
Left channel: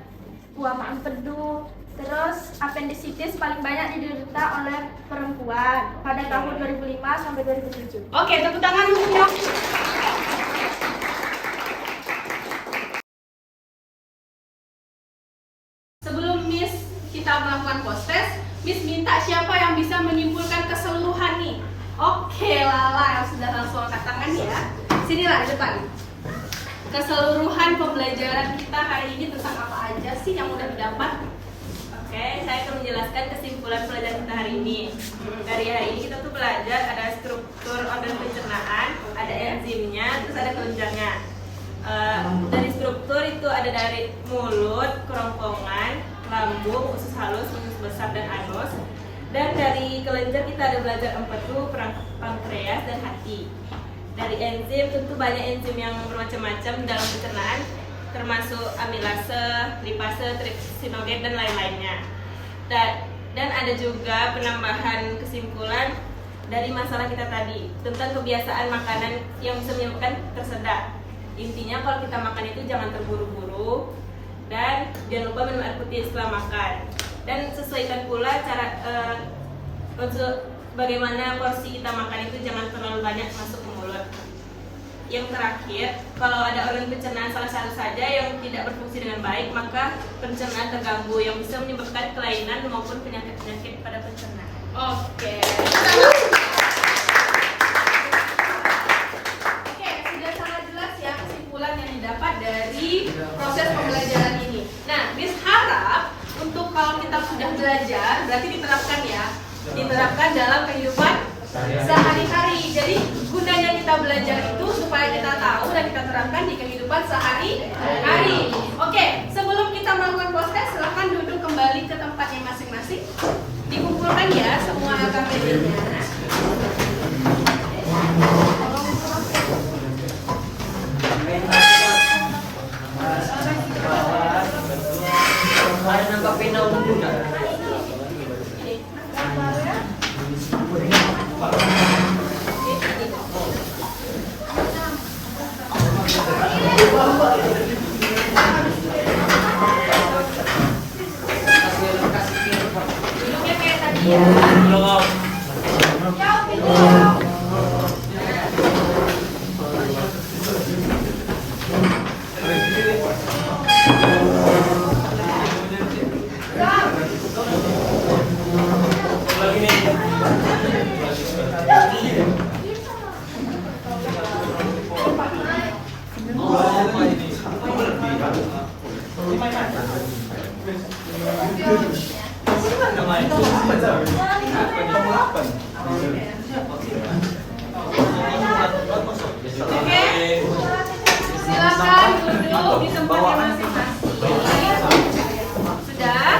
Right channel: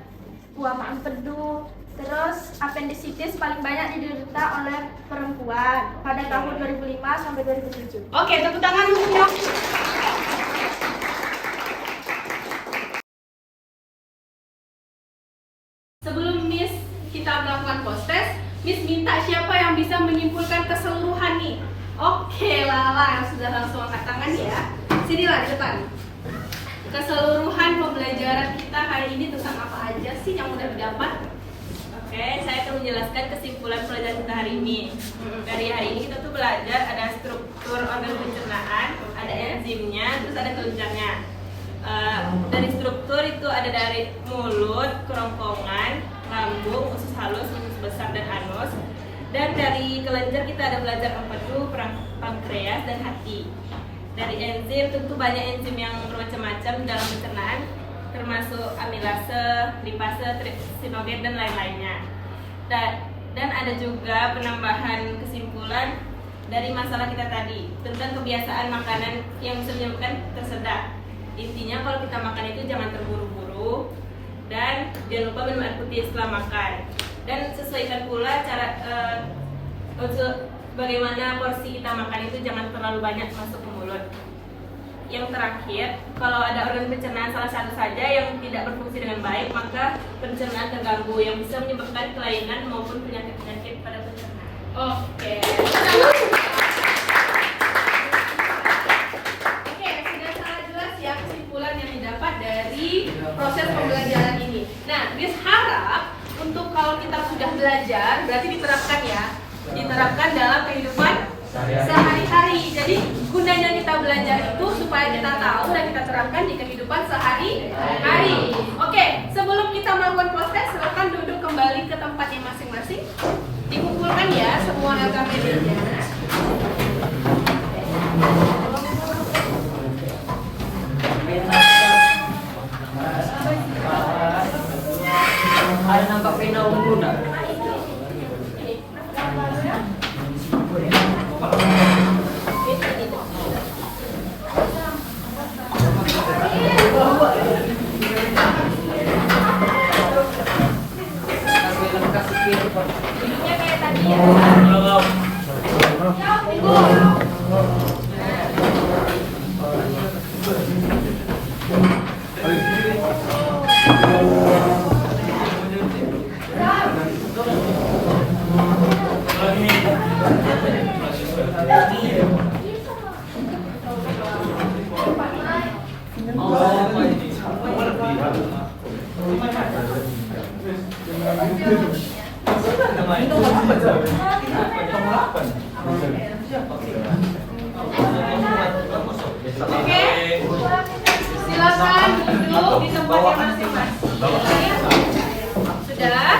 guama empedu. Terus apendisitis paling banyak diderita oleh perempuan pada tahun 2005 sampai 2007. Oke, tepuk tangan untuknya. Sebelum Miss kita melakukan post test, Miss minta siapa yang bisa menyimpulkan keseluruhan nih. Oke, Lala yang sudah langsung angkat tangan ya. Sinilah di depan. Keseluruhan pembelajaran kita hari ini tentang apa aja sih yang udah didapat? Oke, saya akan menjelaskan kesimpulan pelajaran kita hari ini. Dari hari ini kita tuh belajar ada struktur organ pencernaan, ada enzimnya, terus ada kelenjarnya. Dari struktur itu ada dari mulut, kerongkongan, lambung, usus halus, usus besar, dan anus. Dan dari kelenjar kita ada belajar empedu, pankreas, dan hati. Dari enzim tentu banyak enzim yang bermacam-macam dalam pencernaan, termasuk amilase, lipase, tripsinogen, dan lain-lainnya. Dan ada juga penambahan kesimpulan dari masalah kita tadi tentang kebiasaan makanan yang bisa menyebabkan tersedak. Intinya kalau kita makan itu jangan terburu-buru dan jangan lupa minum air putih setelah makan. Dan sesuaikan pula cara bagaimana porsi kita makan itu jangan terlalu banyak masuk ke mulut. Yang terakhir, kalau ada organ pencernaan salah satu saja yang tidak berfungsi dengan baik, maka pencernaan terganggu yang bisa menyebabkan kelainan maupun penyakit-penyakit pada pencernaan. Oke. Oke, sudah sangat jelas ya kesimpulan yang didapat dari proses pembelajaran ini. Nah, Miss harap untuk kalau kita sudah belajar, berarti diterapkan ya. Diterapkan dalam kehidupan sehari-hari. Jadi gunanya kita belajar itu supaya kita tahu dan kita terapkan di kehidupan sehari-hari. Oke, sebelum kita melakukan post test, silakan duduk kembali ke tempatnya masing-masing. Dikumpulkan ya semua LKPD-nya. Ada nampak pena ungu enggak? Oke, silakan duduk di tempatnya masing-masing. Sudah?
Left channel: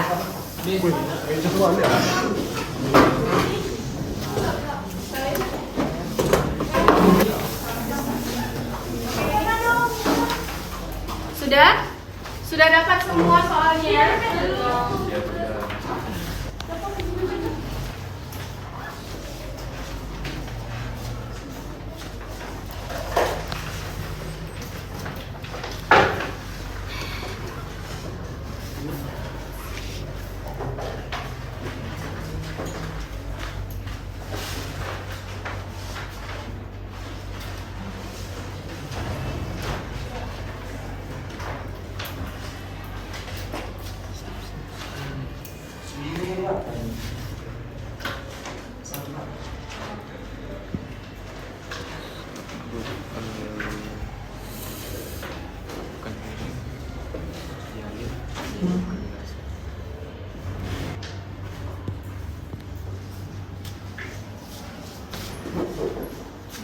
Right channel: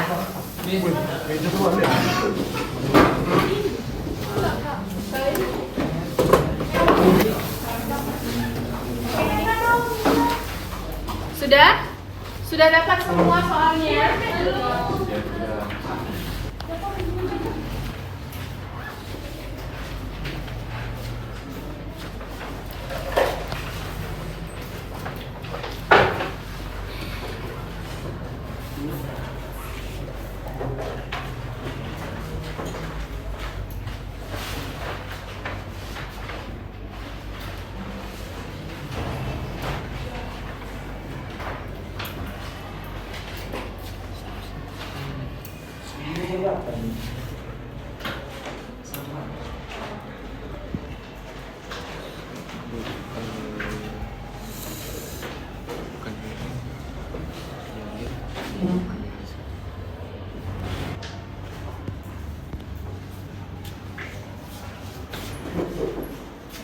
Sudah? Sudah dapat semua soalnya?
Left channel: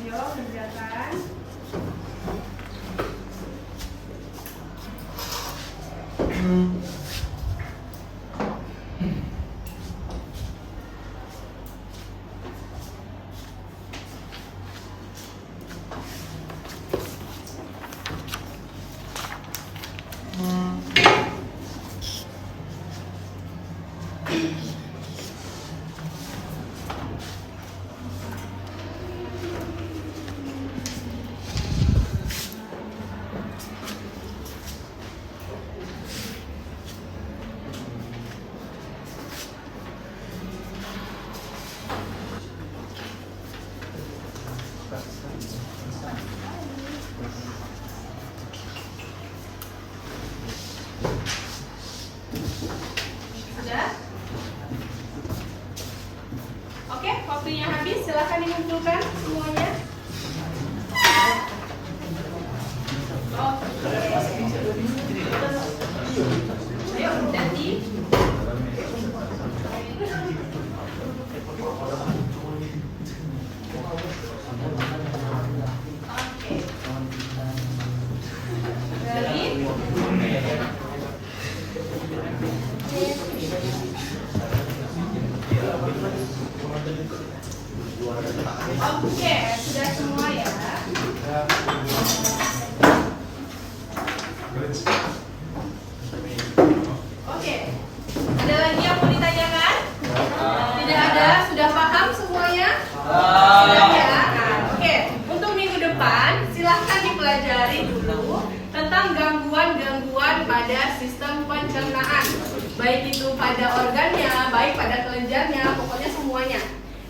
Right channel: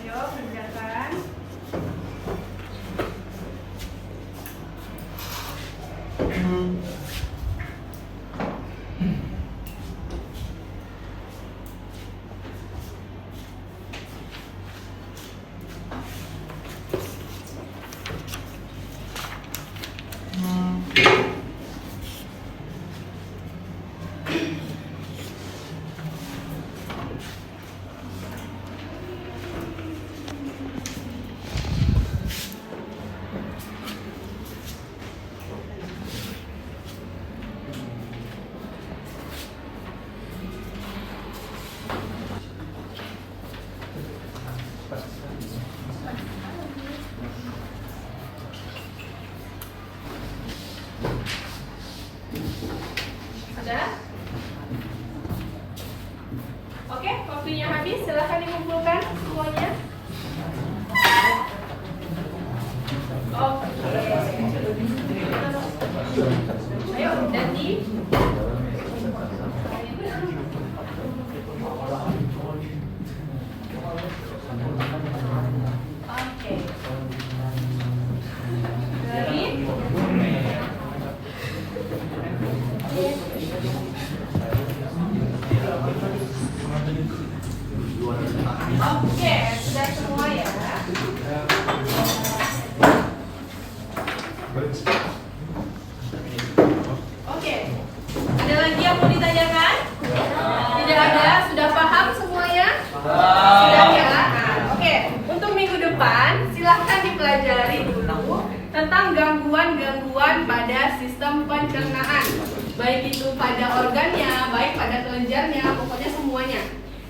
Ayo, kerjakan. Sudah? Oke, waktunya habis. Silakan dikumpulkan semuanya. Oke. Ayo, ganti. Oke. Oke, sudah semua ya. Oke, ada lagi yang mau ditanyakan? Tidak ada, sudah paham semuanya? Sudah ya? Oke, untuk minggu depan silahkan dipelajari dulu tentang gangguan-gangguan pada sistem pencernaan. Baik itu pada organnya, baik pada kelenjarnya, pokoknya semuanya.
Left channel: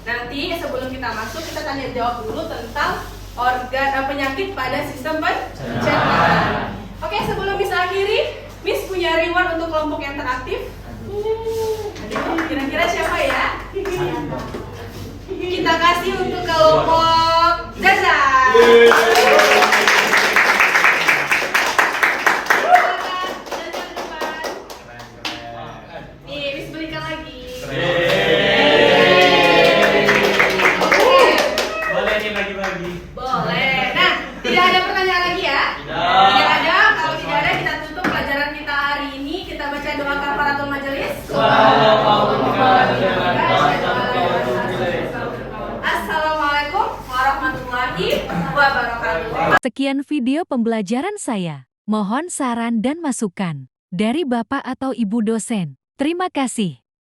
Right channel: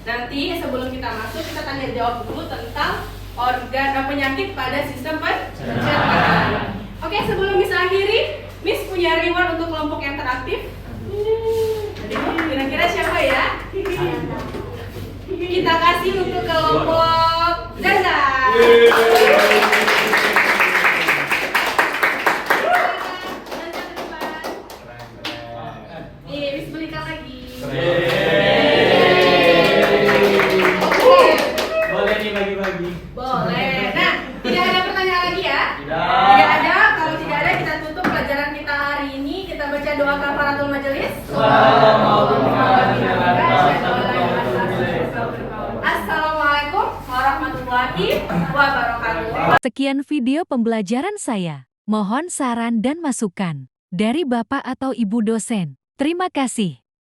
Nanti sebelum kita masuk, kita tanya jawab dulu tentang penyakit pada sistem pencernaan. Oke, sebelum Miss akhiri, Miss punya reward untuk kelompok yang teraktif. Kira-kira siapa ya? Kita kasih untuk kelompok Zaza. Miss belikan lagi. Boleh nih bagi-bagi. Boleh. Nah, tidak ada pertanyaan lagi ya? Tidak ada. Kalau tidak ada, kita tutup pelajaran kita hari ini. Kita baca doa kafaratul majelis. Assalamualaikum warahmatullahi wabarakatuh. Sekian video pembelajaran saya. Mohon saran dan masukan dari Bapak atau Ibu dosen. Terima kasih.